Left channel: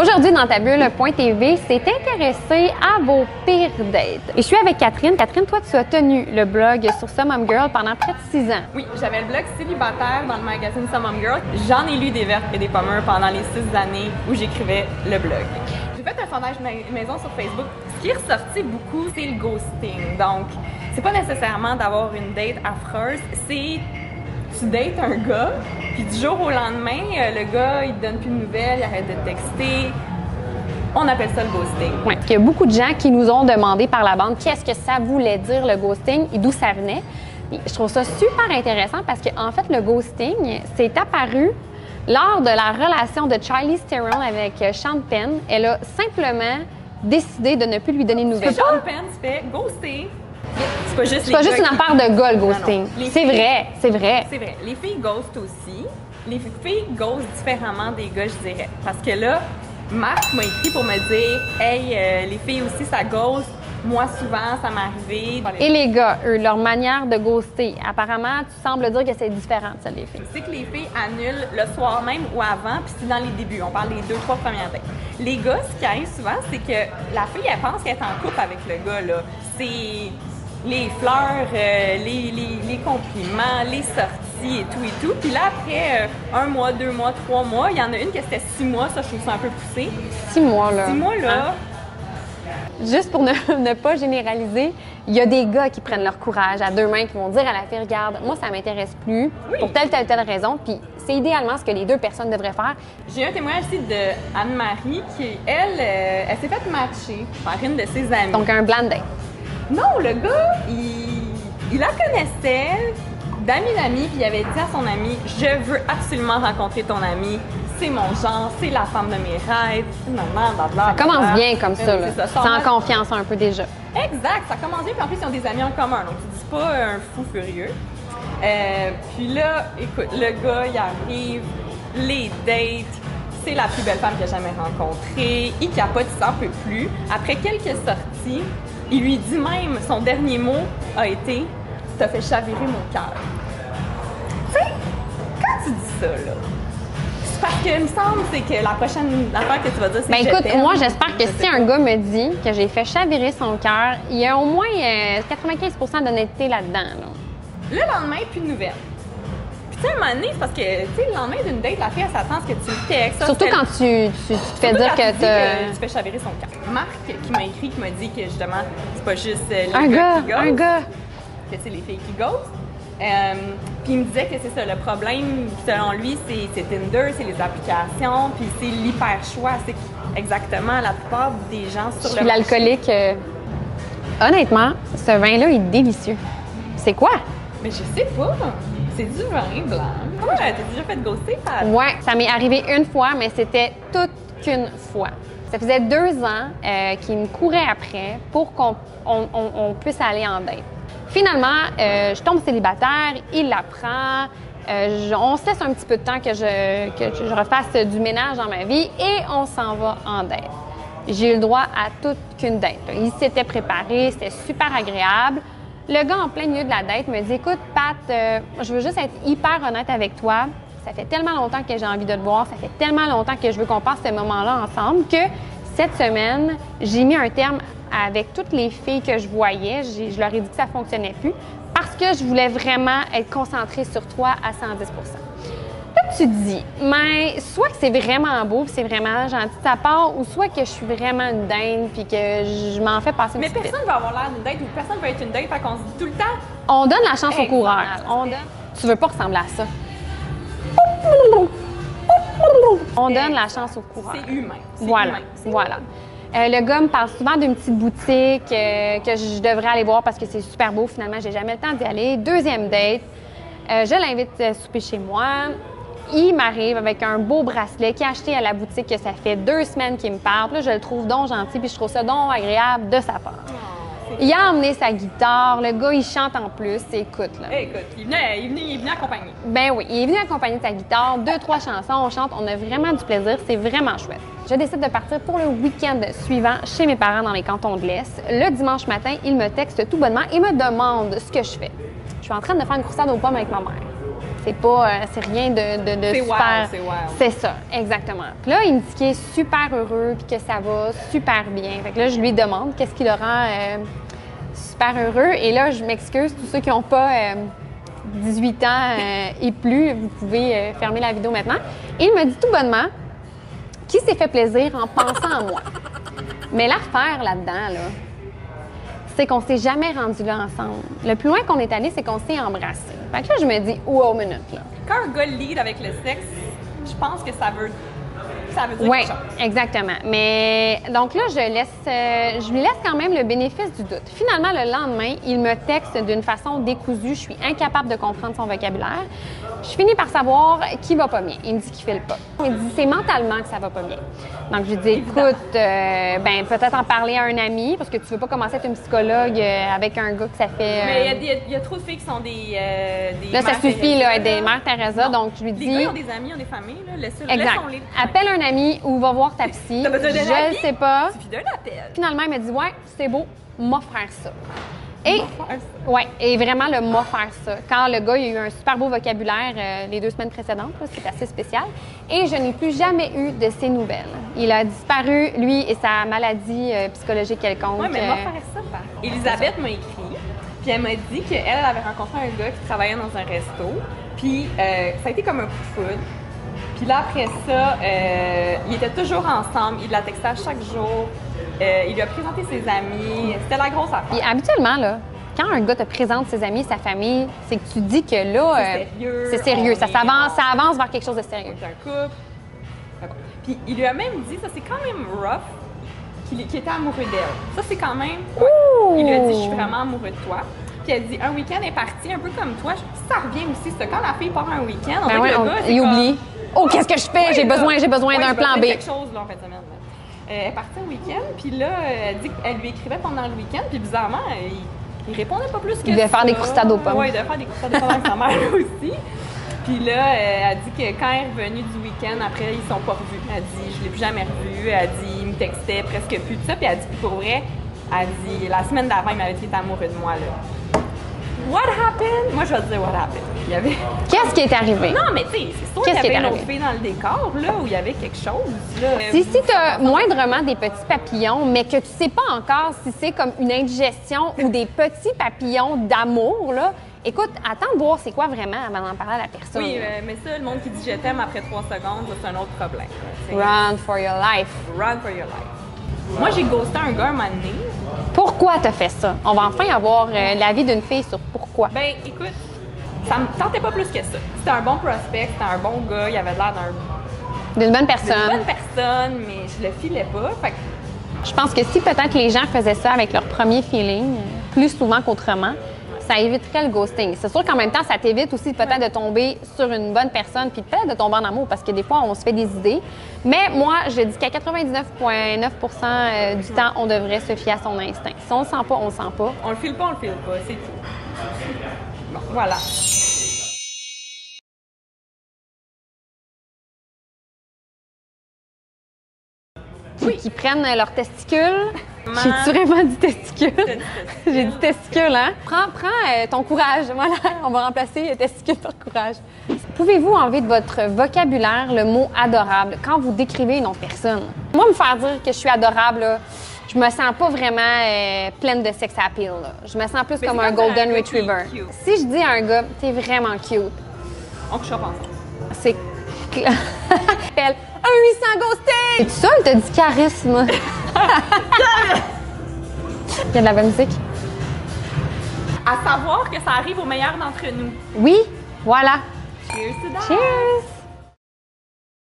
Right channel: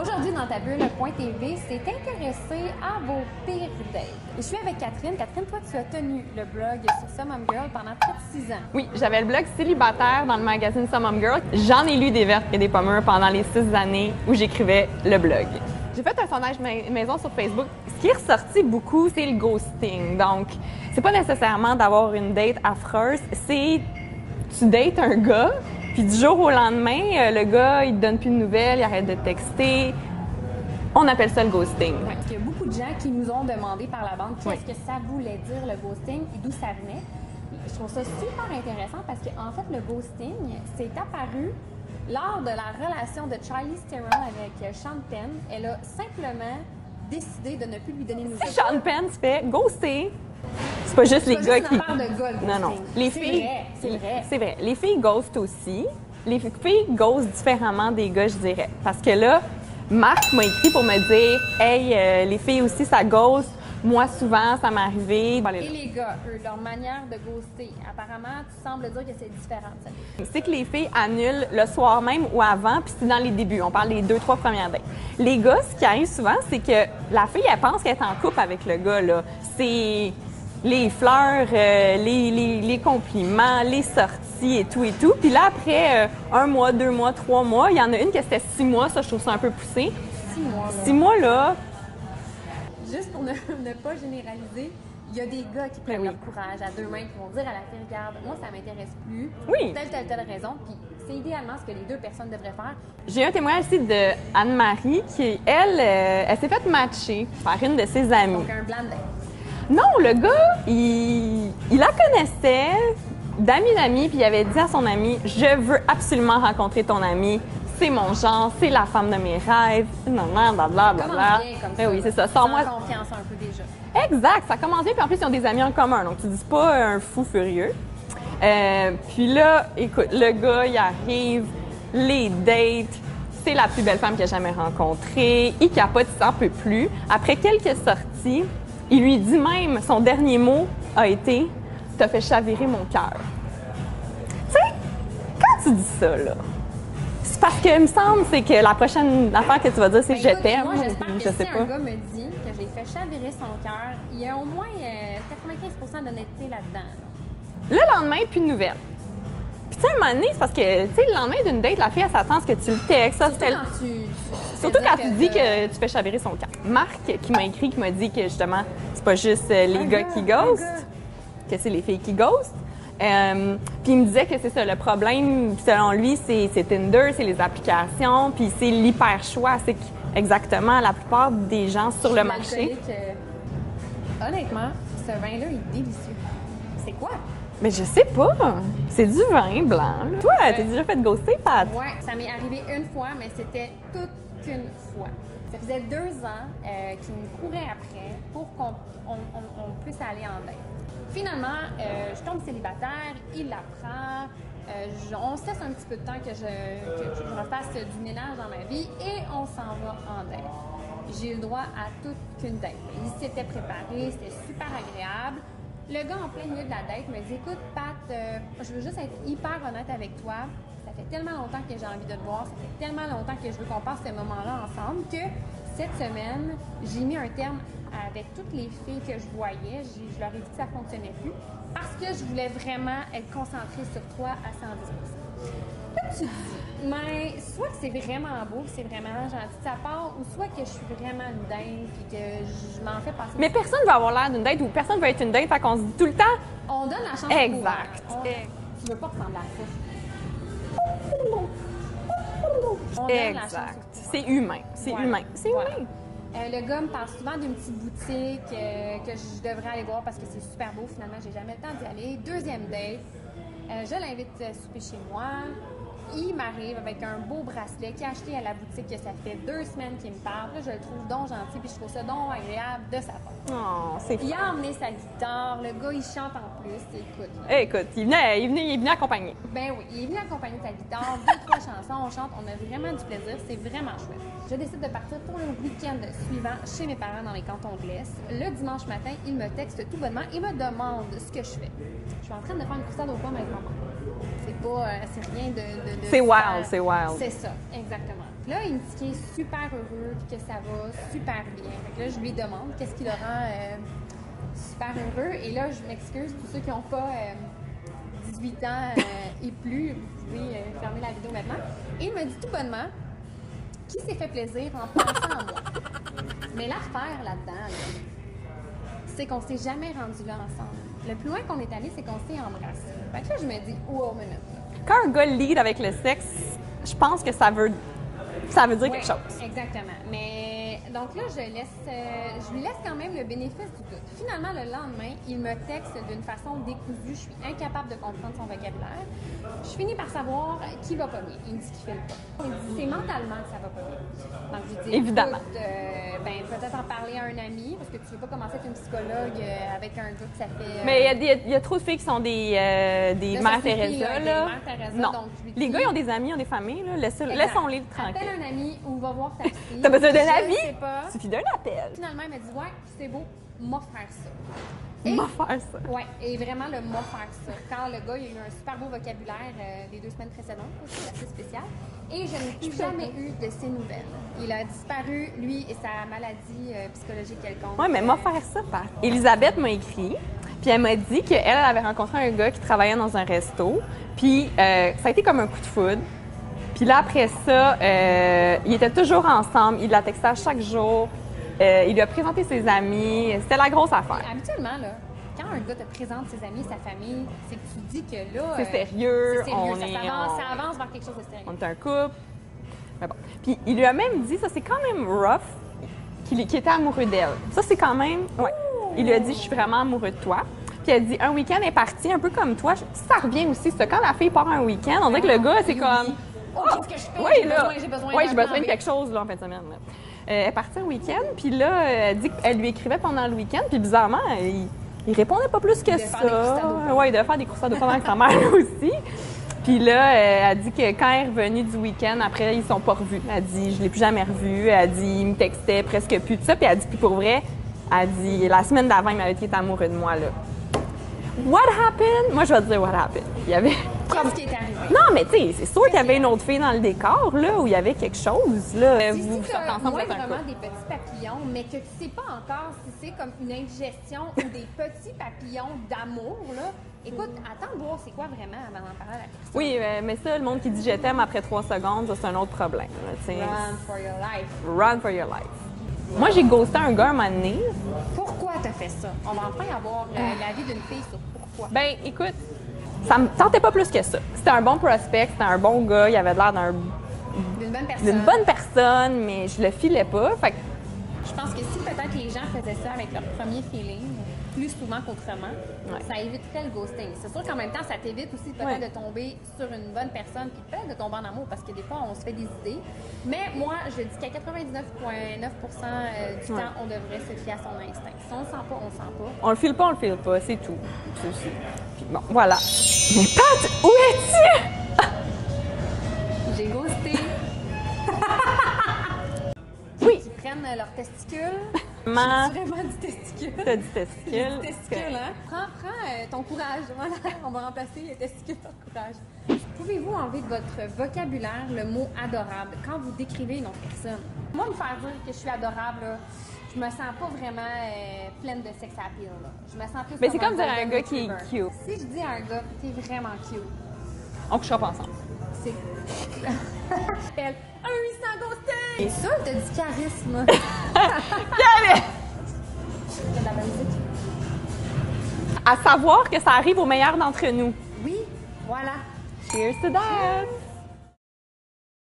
Aujourd'hui, dans ta bulle.tv, s'est intéressé à vos pires dates. Et je suis avec Catherine. Catherine, toi, tu as tenu le blog sur Some Mom Girl pendant près de 6 ans. Oui, j'avais le blog célibataire dans le magazine Some Mom Girl. J'en ai lu des vertes et des pommes pendant les 6 années où j'écrivais le blog. J'ai fait un sondage maison sur Facebook. Ce qui est ressorti beaucoup, c'est le ghosting. Donc, c'est pas nécessairement d'avoir une date affreuse, c'est tu dates un gars, puis du jour au lendemain, le gars, il te donne plus de nouvelles, il arrête de te texter. On appelle ça le ghosting. Oui, il y a beaucoup de gens qui nous ont demandé par la bande qu'est-ce que ça voulait dire le ghosting et d'où ça venait. Et je trouve ça super intéressant parce qu'en fait, le ghosting, c'est apparu lors de la relation de Charlize Theron avec Sean Penn. Elle a simplement décidé de ne plus lui donner de nouvelles. Sean Penn se fait ghoster. C'est pas juste, une affaire de gars, le ghosting. C'est vrai, c'est vrai. C'est vrai. Les filles ghostent aussi. Les filles ghostent différemment des gars, je dirais. Parce que là, Marc m'a écrit pour me dire « Hey, les filles aussi, ça ghost. Moi, souvent, ça m'est arrivé. » Et les gars, eux, leur manière de ghoster, apparemment, tu sembles dire que c'est différent de celle des filles. C'est que les filles annulent le soir même ou avant, puis c'est dans les débuts. On parle des 2-3 premières dates. Les gars, ce qui arrive souvent, c'est que la fille, elle pense qu'elle est en couple avec le gars, là. C'est les fleurs, les compliments, les sorties et tout. Puis là, après 1 mois, 2 mois, 3 mois, il y en a une qui c'était 6 mois. Ça, je trouve ça un peu poussé. 6 mois, là. 6 mois, là. Juste pour ne pas généraliser, il y a des gars qui prennent leur courage à 2 mains, qui vont dire à la fille, regarde, moi, ça m'intéresse plus, pour telle raison. Puis c'est idéalement ce que les 2 personnes devraient faire. J'ai un témoignage aussi de Anne-Marie qui, elle s'est faite matcher par une de ses amies. Donc, un blind date. Non, le gars, il la connaissait d'amis, puis il avait dit à son ami, je veux absolument rencontrer ton ami. C'est mon genre, c'est la femme de mes rêves. Ça commence bien comme ça, là. C'est ça. Sans confiance un peu déjà. Exact, ça commence bien, puis en plus, ils ont des amis en commun, donc tu dis pas un fou furieux. Puis là, écoute, le gars, il arrive, les dates, c'est la plus belle femme qu'il a jamais rencontrée, il capote, il s'en peut plus. Après quelques sorties, il lui dit même, son dernier mot a été « T'as fait chavirer mon cœur ». Tu sais, quand tu dis ça, là, c'est parce que, il me semble, c'est que la prochaine affaire que tu vas dire, c'est « écoute, moi, j'espère que si un gars me dit que j'ai fait chavirer son cœur, il y a au moins 95% d'honnêteté là-dedans. Là. Le lendemain, plus de nouvelles. Puis, tu sais, à un moment donné, c'est parce que, tu sais, le lendemain d'une date, la fille, elle s'attend à ce que tu le textes. Surtout quand tu te fais dire que tu fais chavirer son cœur. Marc, qui m'a écrit, qui m'a dit que, justement, c'est pas juste les un gars qui ghostent. Un gars. Que c'est les filles qui ghostent. Puis il me disait que c'est ça, le problème, selon lui, c'est Tinder, c'est les applications, puis c'est l'hyper-choix. C'est exactement la plupart des gens sur le marché. L'alcoolique, honnêtement, ce vin-là est délicieux. C'est quoi? Mais je sais pas. C'est du vin blanc. Toi, t'es déjà fait ghoster, Pat? Ouais, ça m'est arrivé une fois, mais c'était toute qu'une fois. Ça faisait 2 ans qu'il me courait après pour qu'on puisse aller en date. Finalement, je tombe célibataire, il l'apprend, on se laisse un petit peu de temps que je refasse du ménage dans ma vie et on s'en va en date. J'ai eu le droit à toute qu'une date. Il s'était préparé, c'était super agréable. Le gars, en plein milieu de la date, me dit « Écoute, Pat, je veux juste être hyper honnête avec toi. Ça fait tellement longtemps que j'ai envie de te voir, ça fait tellement longtemps que je veux qu'on passe ce moment-là ensemble que cette semaine, j'ai mis un terme avec toutes les filles que je voyais. Je leur ai dit que ça ne fonctionnait plus parce que je voulais vraiment être concentrée sur toi à 110 ». Là, tu te dis, mais soit que c'est vraiment beau puis c'est vraiment gentil de ta part, ou soit que je suis vraiment une dinde puis que je m'en fais passer une Mais personne ne veut avoir l'air d'une date ou personne ne veut être une date, fait qu'on se dit tout le temps. On donne la chance au coureur. Tu veux pas ressembler à ça. On donne la chance au coureur. C'est humain. Voilà. Voilà. Le gars me parle souvent d'une petite boutique que je devrais aller voir parce que c'est super beau. Finalement, j'ai jamais le temps d'y aller. 2e date. Je l'invite à souper chez moi. Il m'arrive avec un beau bracelet qu'il a acheté à la boutique que ça fait 2 semaines qu'il me parle. Là, je le trouve donc gentil puis je trouve ça donc agréable de sa part. Il a emmené sa guitare. Le gars, il chante en plus. Écoute, là. Écoute, il est venu accompagner. Ben oui, il est venu accompagner de sa guitare. 2-3 chansons, on chante. On a vraiment du plaisir. C'est vraiment chouette. Je décide de partir pour le week-end suivant chez mes parents dans les cantons de l'Est. Le dimanche matin, il me texte tout bonnement et me demande ce que je fais. Je suis en train de faire une croustade aux pommes avec ma mère. c'est rien de C'est super... wild, c'est wild. C'est ça, exactement. Puis là, il me dit qu'il est super heureux puis que ça va super bien. Fait que là, je lui demande qu'est-ce qui le rend super heureux. Et là, je m'excuse, tous ceux qui n'ont pas 18 ans et plus, vous pouvez fermer la vidéo maintenant. Et il me dit tout bonnement qu'il s'est fait plaisir en pensant à moi. Mais l'affaire là-dedans, là, c'est qu'on s'est jamais rendu là ensemble. Le plus loin qu'on est allé, c'est qu'on s'est embrassé. Fait que là, je me dis, wow, minute, là. Quand un gars lead avec le sexe, je pense que ça veut dire Oui, quelque chose. exactement. Mais donc là, je lui laisse quand même le bénéfice du doute. Finalement, le lendemain, il me texte d'une façon décousue. Je suis incapable de comprendre son vocabulaire. Je finis par savoir qu'il va pas bien. Il me dit qu'il file pas. Il me dit c'est mentalement que ça va pas bien. Donc je lui dis Évidemment. écoute, ben peut-être en parler à un ami parce que tu veux pas commencer à être une psychologue avec un gars que ça fait. Mais il y a trop de filles qui sont des Là, ça mères suffit, Teresa, là, des mères Teresa. Non. Donc je lui dis. Les gars, ils ont des amis, ils ont des familles, là. Exact. Laissons-les. Appelle un ami ou va voir ta psy. T'as besoin d'un Je ami? ne sais pas. Il suffit d'un appel. Finalement, il m'a dit ouais, c'est beau, m'a faire ça. Et On va faire ça. ouais, et vraiment le m'a faire ça. Quand le gars il a eu un super beau vocabulaire les 2 semaines précédentes, c'est assez spécial. Et je n'ai plus jamais eu de ses nouvelles. Il a disparu, lui et sa maladie psychologique quelconque. Oui, mais moi, faire ça, par Elisabeth m'a écrit, puis elle m'a dit qu'elle avait rencontré un gars qui travaillait dans un resto, puis ça a été comme un coup de foudre. Puis là, après ça, ils étaient toujours ensemble, il la textait à chaque jour, il lui a présenté ses amis, c'était la grosse affaire. Puis habituellement, là, quand un gars te présente ses amis, sa famille, c'est que tu dis que là, C'est sérieux, c'est sérieux. on Ça est- ça avance vers quelque chose de sérieux. On est un couple. Mais bon. Puis il lui a même dit, ça c'est quand même rough, qu'il était amoureux d'elle. Ça c'est quand même. Ouais. Il lui a dit, je suis vraiment amoureux de toi. Puis elle dit, un week-end est parti, un peu comme toi. Ça revient aussi, c'est quand la fille part un week-end, on Ben dirait ouais, que le gars, c'est il comme... oublie. Oh, qu'est-ce que je fais? Ouais, j'ai là. besoin Ouais, d'un j'ai plan besoin B. de quelque chose là, en fin de semaine. Elle est partie un week-end, puis là, elle dit qu'elle lui écrivait pendant le week-end, puis bizarrement, il répondait pas plus que ça. Il devait faire des croustades aux pommes. Oui, il devait faire des croustades aux pommes avec sa mère aussi. Puis là, elle dit que quand elle est revenue du week-end, après, ils sont pas revus. Elle dit, je l'ai plus jamais revu. Elle dit, il me textait presque plus de ça. Puis elle dit, puis pour vrai, elle dit, la semaine d'avant, il m'avait dit qu'il était amoureux de moi, là. What happened? Moi, je vais te dire what happened. Il y avait... Qu'est-ce qui est arrivé? Non, mais tu sais, c'est sûr qu'il y Qu'est-ce qui avait est une autre arrivé? fille dans le décor, là, où il y avait quelque chose, là. Si tu as moindrement des petits papillons, mais que tu sais pas encore si c'est comme une indigestion ou des petits papillons d'amour, là, écoute, attends de voir c'est quoi vraiment avant d'en parler à la personne. Oui, mais ça, le monde qui dit je t'aime après 3 secondes, ça, c'est un autre problème. Tu sais. Run for your life. Run for your life. Moi, j'ai ghosté un gars un moment donné. Pourquoi t'as fait ça? On va enfin avoir l'avis d'une fille sur pourquoi. Ben, écoute, ça me tentait pas plus que ça. C'était un bon prospect, c'était un bon gars, il avait l'air D'une bonne d'une personne. bonne personne, mais je le filais pas. Fait que Je pense que si peut-être les gens faisaient ça avec leur premier feeling, plus souvent qu'autrement, ça éviterait le ghosting. C'est sûr qu'en même temps, ça t'évite aussi peut-être de tomber sur une bonne personne puis peut-être de tomber en amour parce que des fois, on se fait des idées. Mais moi, je dis qu'à 99,9 du temps, on devrait se fier à son instinct. Si on le sent pas, on le sent pas. on le file pas, c'est tout. Bon, voilà. Mais Pat, où es-tu? J'ai ghosté. Oui. Qui prennent leurs testicules. J'ai-tu vraiment dit testicules? T'as dit testicules. J'ai dit testicules, hein? Prends ton courage. Voilà, on va remplacer testicule par courage. Pouvez-vous enlever de votre vocabulaire le mot adorable quand vous décrivez une autre personne? Moi, me faire dire que je suis adorable, là, je me sens pas vraiment pleine de sex appeal. Là. Je me sens plus Mais comme c'est un comme golden un gars qui est retriever. cute. Si je dis à un gars, t'es vraiment cute, On couchera pas ensemble. c'est. Appelle un 800 ghosté! Es-tu ça ou t'as dit charisme? Il y a de la bonne musique? À savoir que ça arrive au meilleur d'entre nous. Oui, voilà. Cheers to that! Cheers!